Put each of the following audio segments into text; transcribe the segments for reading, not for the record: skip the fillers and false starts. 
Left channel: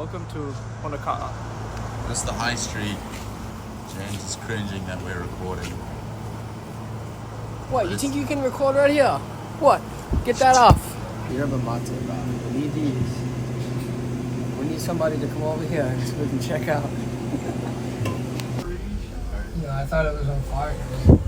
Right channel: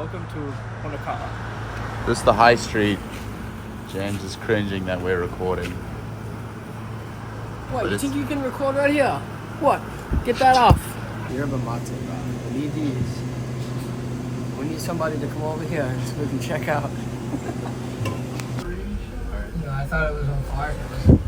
Welcome to Honoka'a. This is the high street. James is cringing that we're recording. What, you think you can record right here? What? Get that off. Yerba mate, bro. We need these. We need somebody to come over here so we can check out. I thought it was on fire.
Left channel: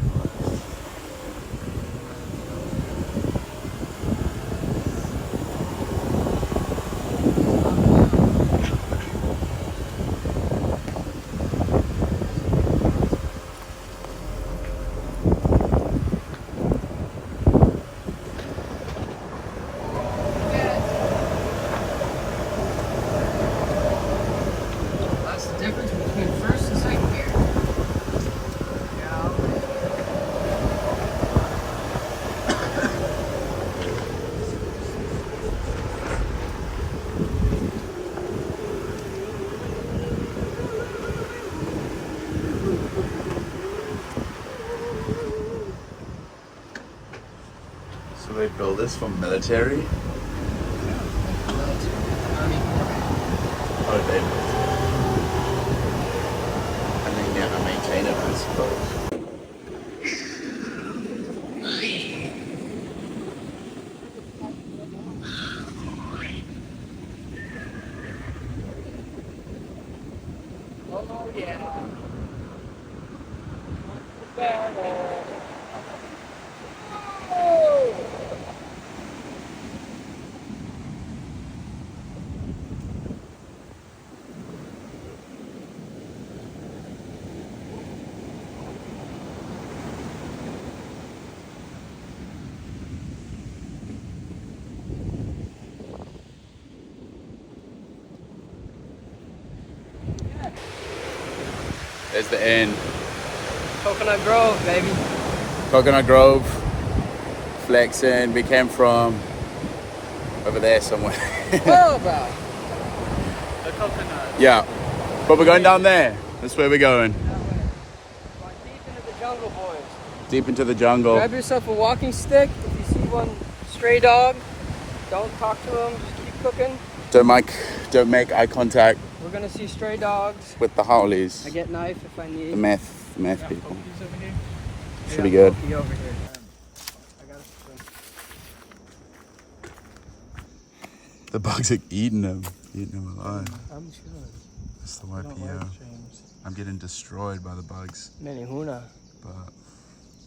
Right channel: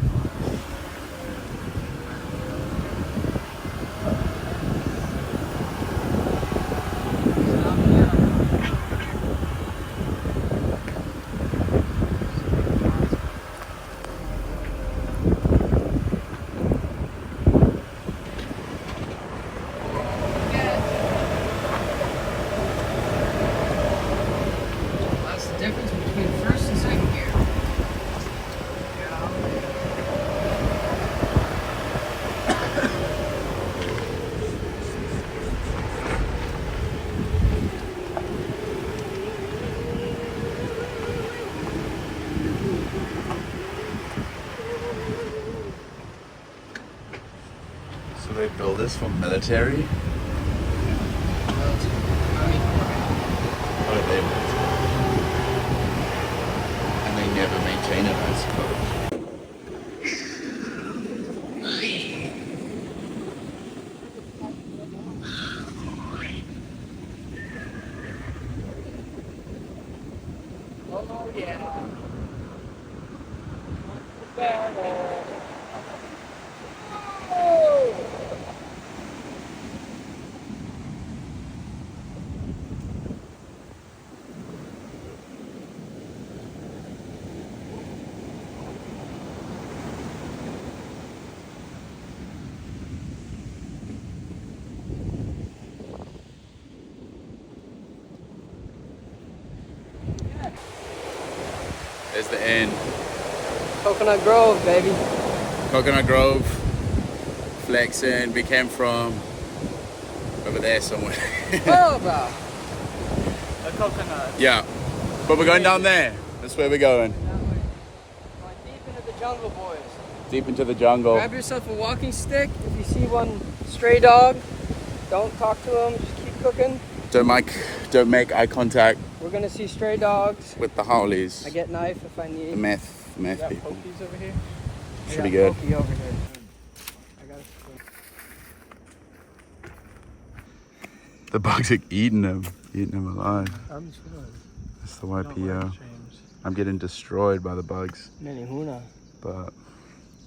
That's the difference between first and second gear. So they build this for military? Oh, they and they never maintain it, I suppose. Oh, yeah. There's the end. Coconut Grove, baby. Coconut Grove. Flexing. We came from over there somewhere. What about? The coconut. Yeah. But we're going down there. That's where we're going. That way. Going deep into the jungle, boys. Deep into the jungle. Grab yourself a walking stick. If you see one stray dog, don't talk to them. Just keep cooking. Don't make eye contact We're gonna see stray dogs. with the Howleys. I get knife if I need. The meth Got people. pokies over here. Should be good. Pokey over here. I got a The bugs are eating them alive. I'm just gonna. That's the YPO. I'm getting destroyed by the bugs, Menehuna. but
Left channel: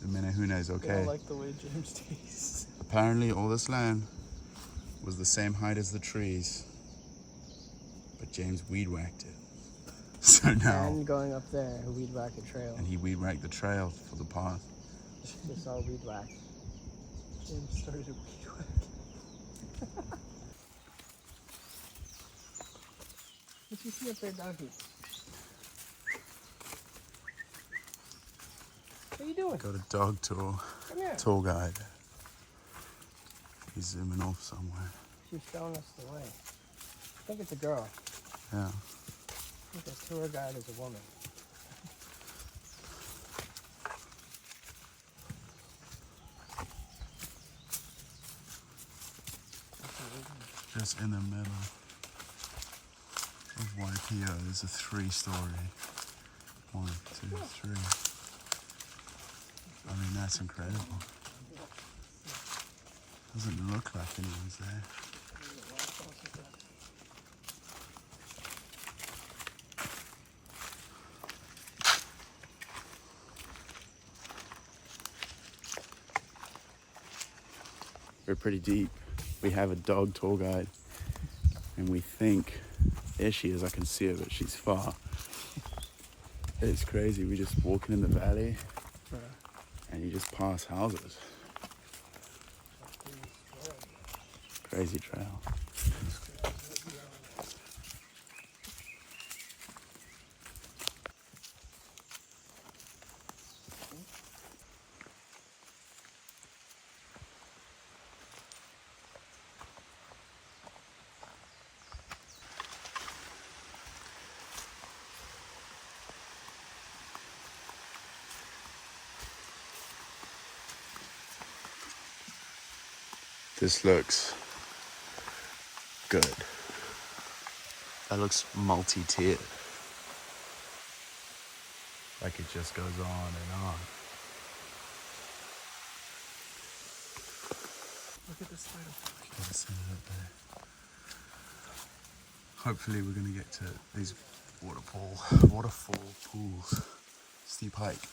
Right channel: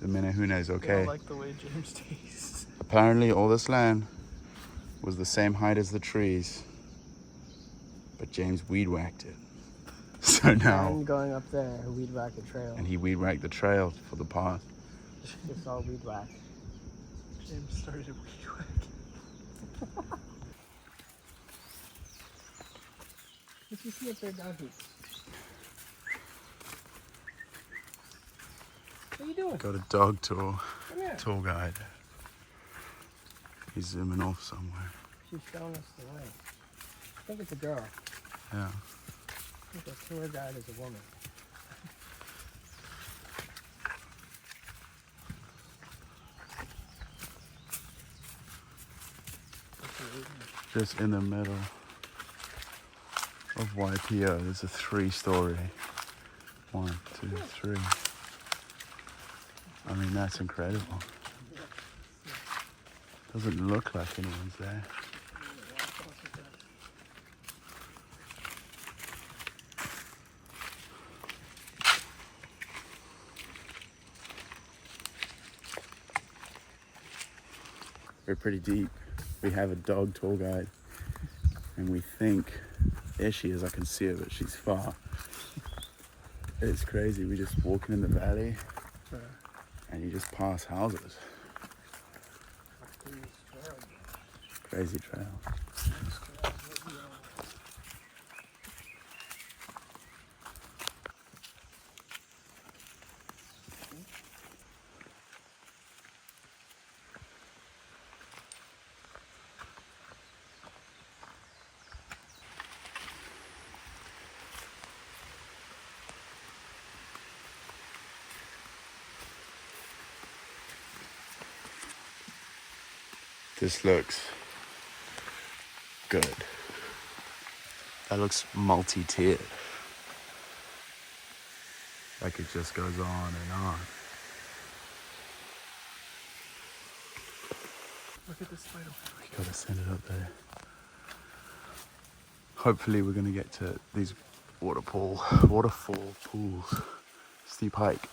the Menehuna is I okay. like the way James tastes. Apparently all this land was the same height as the trees, but James weed whacked it. So now, And going up there, a weed whack a trail. and he weed whacked the trail for the path. It's all weed whack. James started a weed whack. Let's just see if they're down here. What are you doing? Got a dog tour, Come here. tour guide. He's zooming off somewhere. She's showing us the way. I think it's a girl. Yeah. I think the tour guide is a woman. Just in the middle of YPO, there's a 3-story. 1, 2, 3. I mean, that's incredible. Doesn't look like anyone's there. We're pretty deep. We have a dog tour guide, and we think, there she is, I can see her, but she's far. It's crazy, we're just walking in the valley, and you just pass houses. Crazy trail. This looks good. That looks multi-tiered. Like it just goes on and on. Look at this whale. We gotta send it up there. Hopefully we're gonna get to these waterfall pools. Steep hike.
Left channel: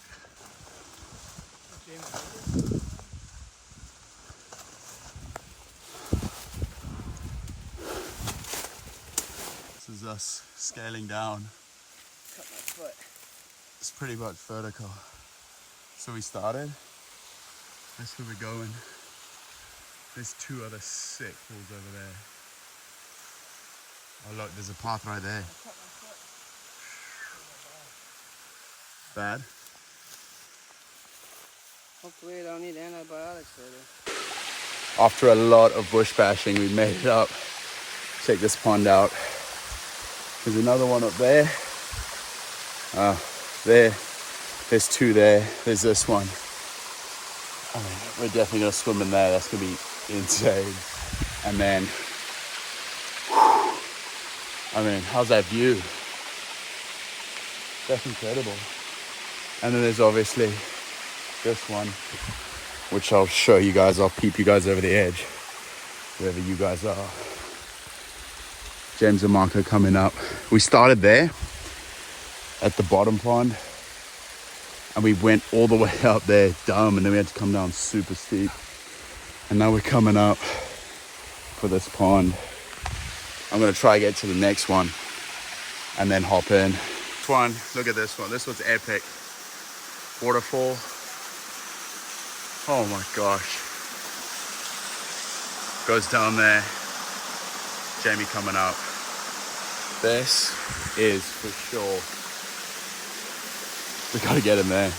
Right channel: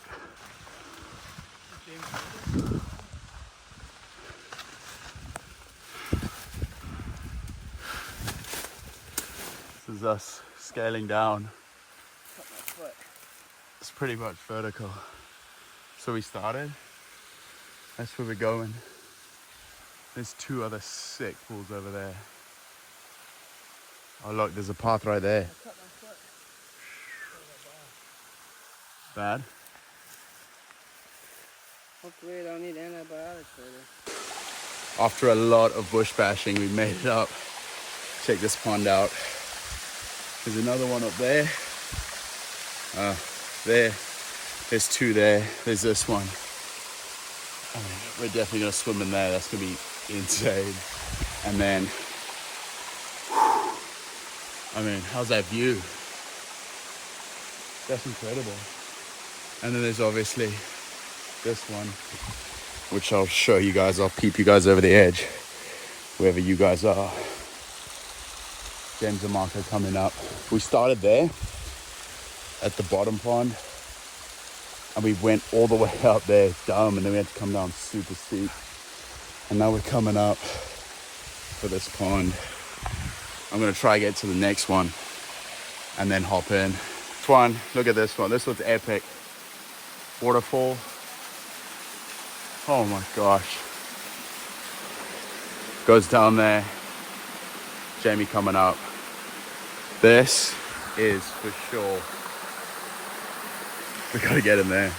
This is us scaling down. Cut my foot. It's pretty much vertical. So we started. That's where we're going. There's 2 other sick pools over there. Oh look, there's a path right there. Bad? Hopefully I don't need antibiotics for this. After a lot of bush bashing, we made it up. Check this pond out. There's another one up there. There's 2 there. There's this one. I mean, we're definitely gonna swim in there. That's gonna be insane. And then, I mean, how's that view? That's incredible. And then there's obviously this one, which I'll show you guys. I'll peep you guys over the edge, wherever you guys are. James and Marco coming up. We started there at the bottom pond, and we went all the way up there, dumb, and then we had to come down super steep. And now we're coming up for this pond. I'm gonna try to get to the next one and then hop in. One, look at this one. This one's epic. Waterfall. Oh my gosh. Goes down there. Jamie coming up. This is for sure. We gotta get in there.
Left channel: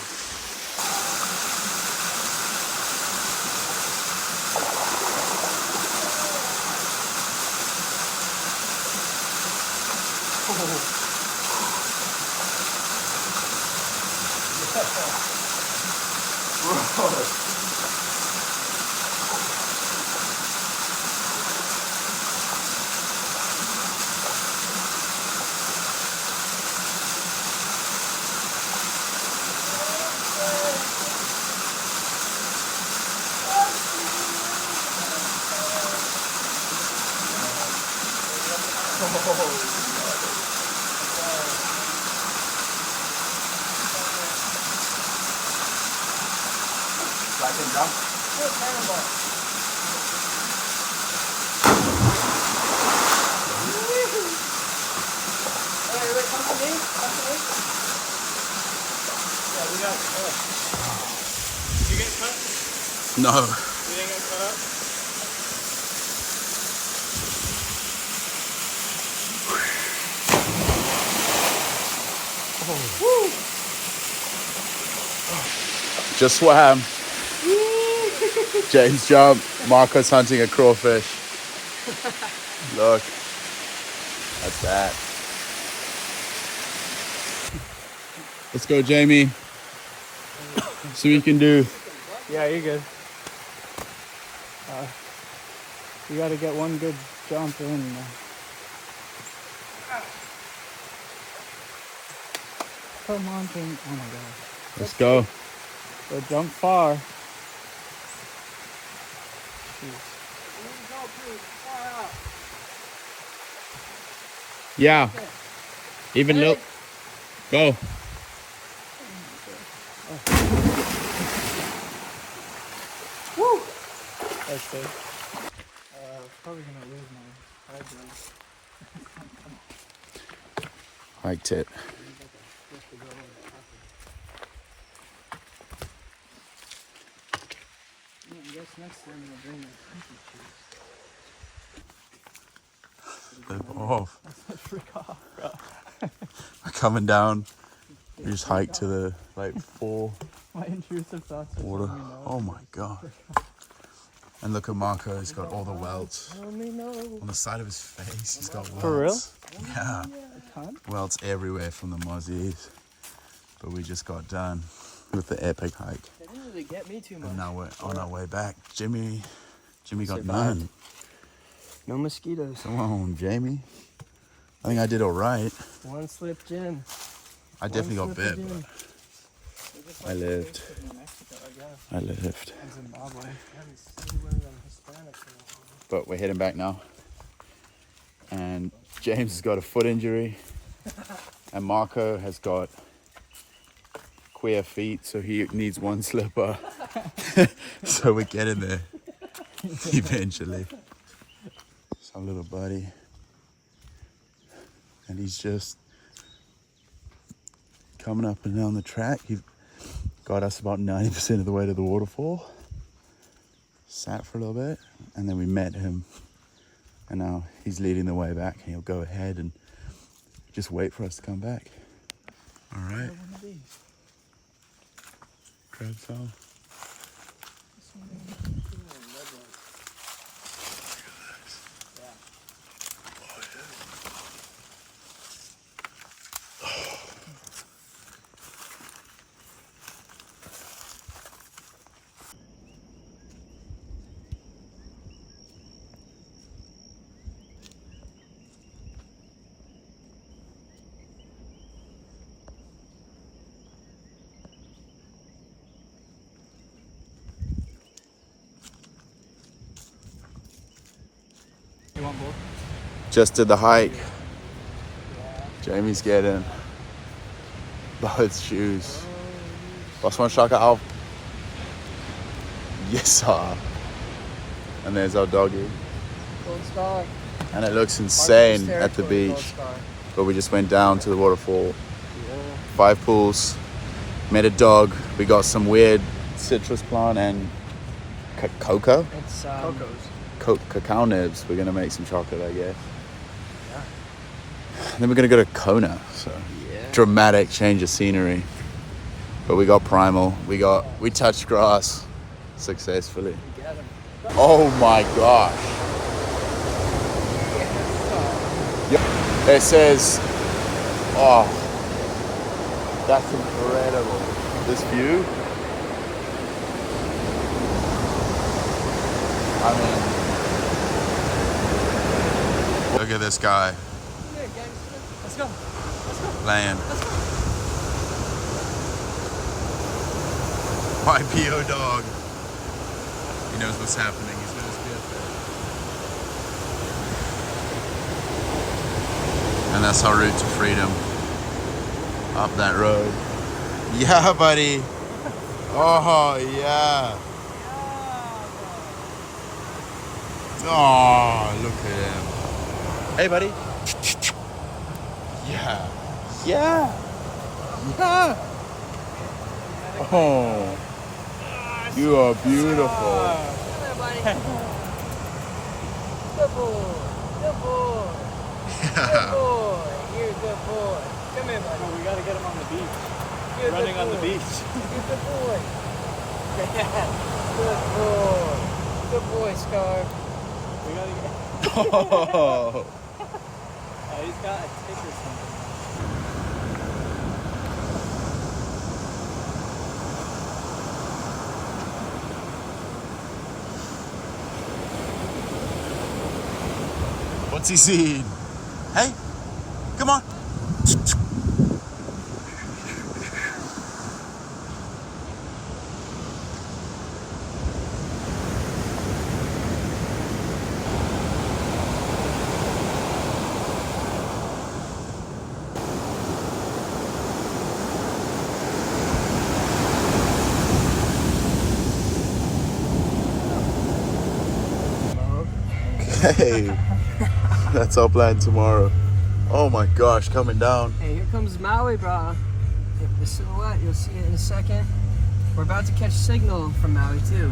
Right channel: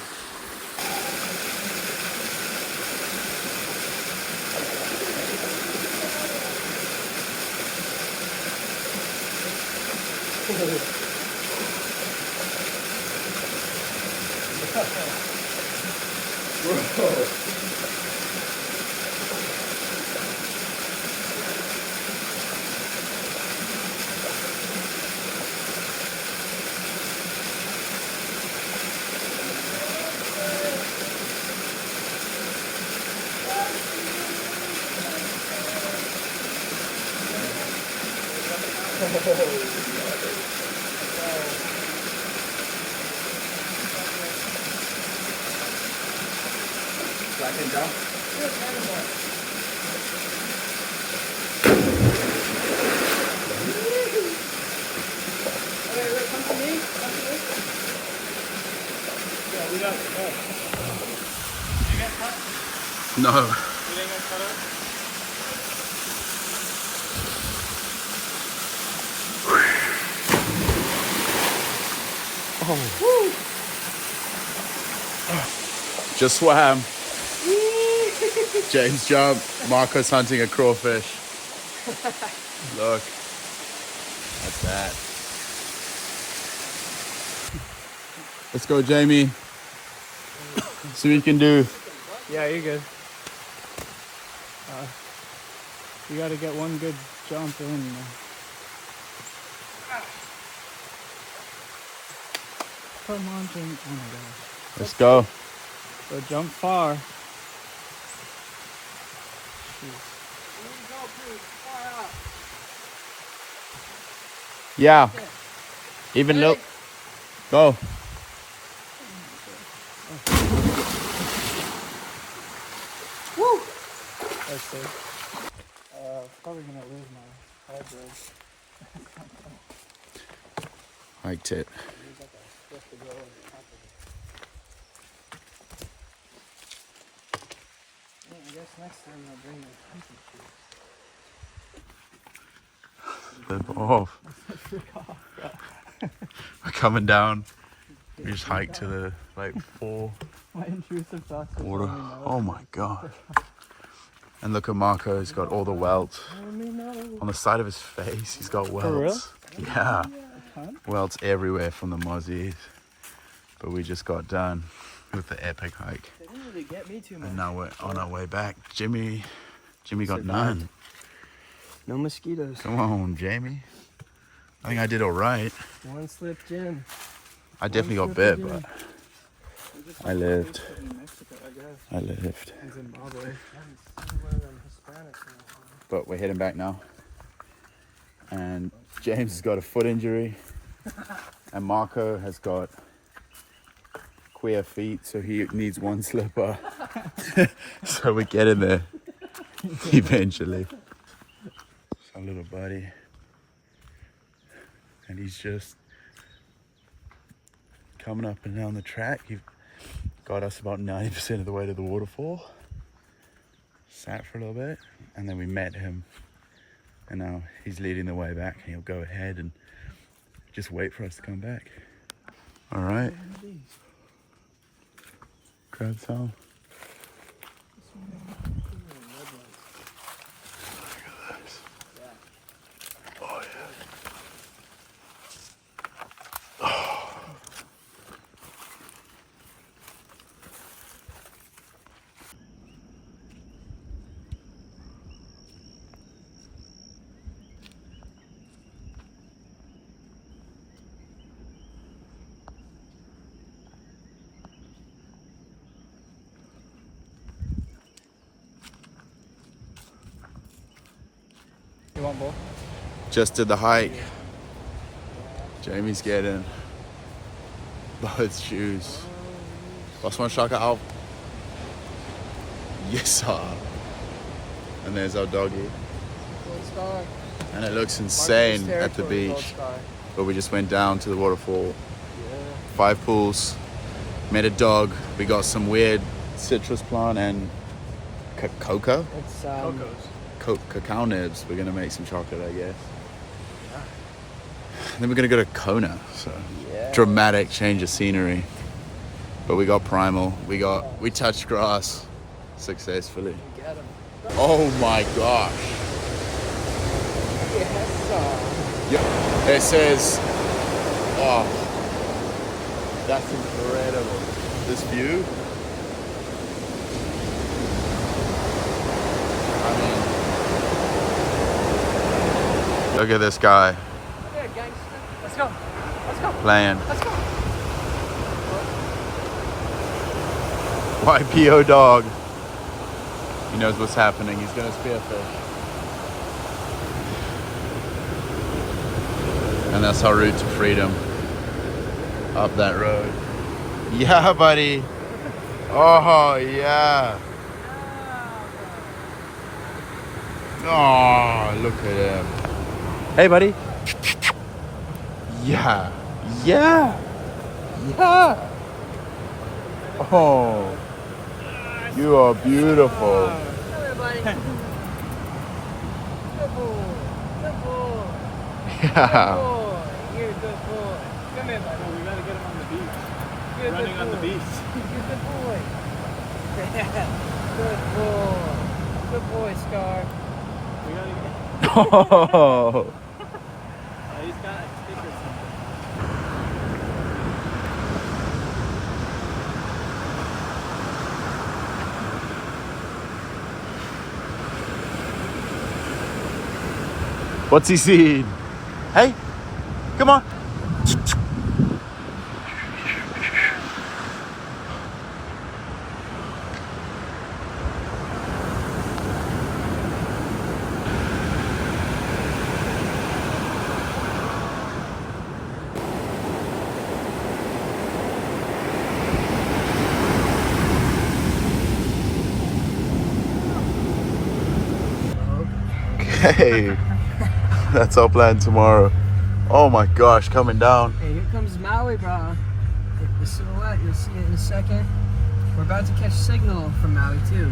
I can jump. No. You didn't get cut up? Just swam. James jumped. Marco's hunting a crawfish. Look. That's that. Let's go, Jamie. See what you can do. Yeah, you're good. You gotta get one good jump in. Come on, Jim. Oh my gosh. Let's go. So jump far. Yeah. Even look. Go. Woo! That's good. Probably gonna lose my head race. Hiked it. Flip off. We're coming down. We just hiked to the like 4 My intrusive thoughts. water. Oh my god. And look at Marco, he's got all the welts. On the side of his face, he's got welts. For real? Yeah. Welts everywhere from the mozzies. But we just got done with the epic hike. They didn't really get me too much. And now we're on our way back. Jimmy got Survived. none. No mosquitoes. Come on, Jamie. I think I did all right. One slip, Jim. I definitely got bit, but I lived. In Mexico, I guess. I lived. In Zimbabwe. But we're heading back now. And James has got a foot injury. And Marco has got queer feet, so he needs one slipper. So we're getting there eventually. Some little buddy. And he's just coming up and down the track. He got us about 90% of the way to the waterfall. Sat for a little bit, and then we met him. And now he's leading the way back, and he'll go ahead and just wait for us to come back. All right. Crab salad. Just did the hike. Jamie's getting both shoes. Last one, shaka out. Yes, sir. And there's our doggy. Gold star. And it looks insane at the beach. But we just went down to the waterfall. 5 pools. Met a dog. We got some weird citrus plant and cocoa. It's Cocos. Cacao nibs. We're gonna make some chocolate, I guess. And then we're gonna go to Kona. So dramatic change of scenery. But we got primal. We touched grass successfully. Oh my gosh. It says, oh, that's incredible. This view. I mean, look at this guy. Let's go. Let's go. Playing. YPO dog. He knows what's happening. He's gonna spear first. And that's our route to freedom. Up that road. Yeah, buddy. Oh, yeah. Oh, look at him. Hey, buddy. Yeah. Yeah. Yeah. Oh. You are beautiful. Come here, buddy. Good boy. Good boy. Good boy. You're a good boy. Come here, buddy. No, we gotta get him on the beach. You're a good Running on the boy. beach. You're a good boy. Good boy. Good boy, Scar. We gotta get Oh. he's got a tick or something. What's he seen? Hey, come on. Okay. That's our plan tomorrow. Oh my gosh, coming down. Hey, here comes Maui, bro. The silhouette, you'll see it in a second. We're about to catch signal from Maui too.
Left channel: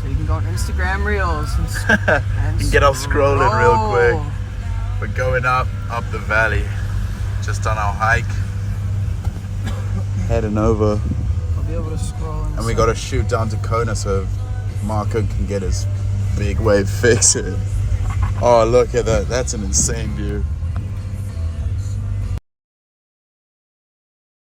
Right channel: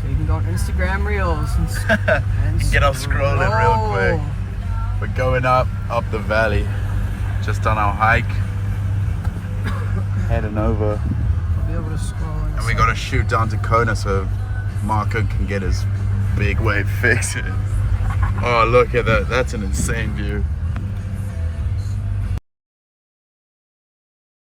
So you can go on Instagram Reels and Get off scrolling real quick. We're going up the valley. Just on our hike. Heading over. I'll be able to scroll. And we gotta shoot down to Kona so Marco can get his big wave fix it. Oh, look at that. That's an insane view.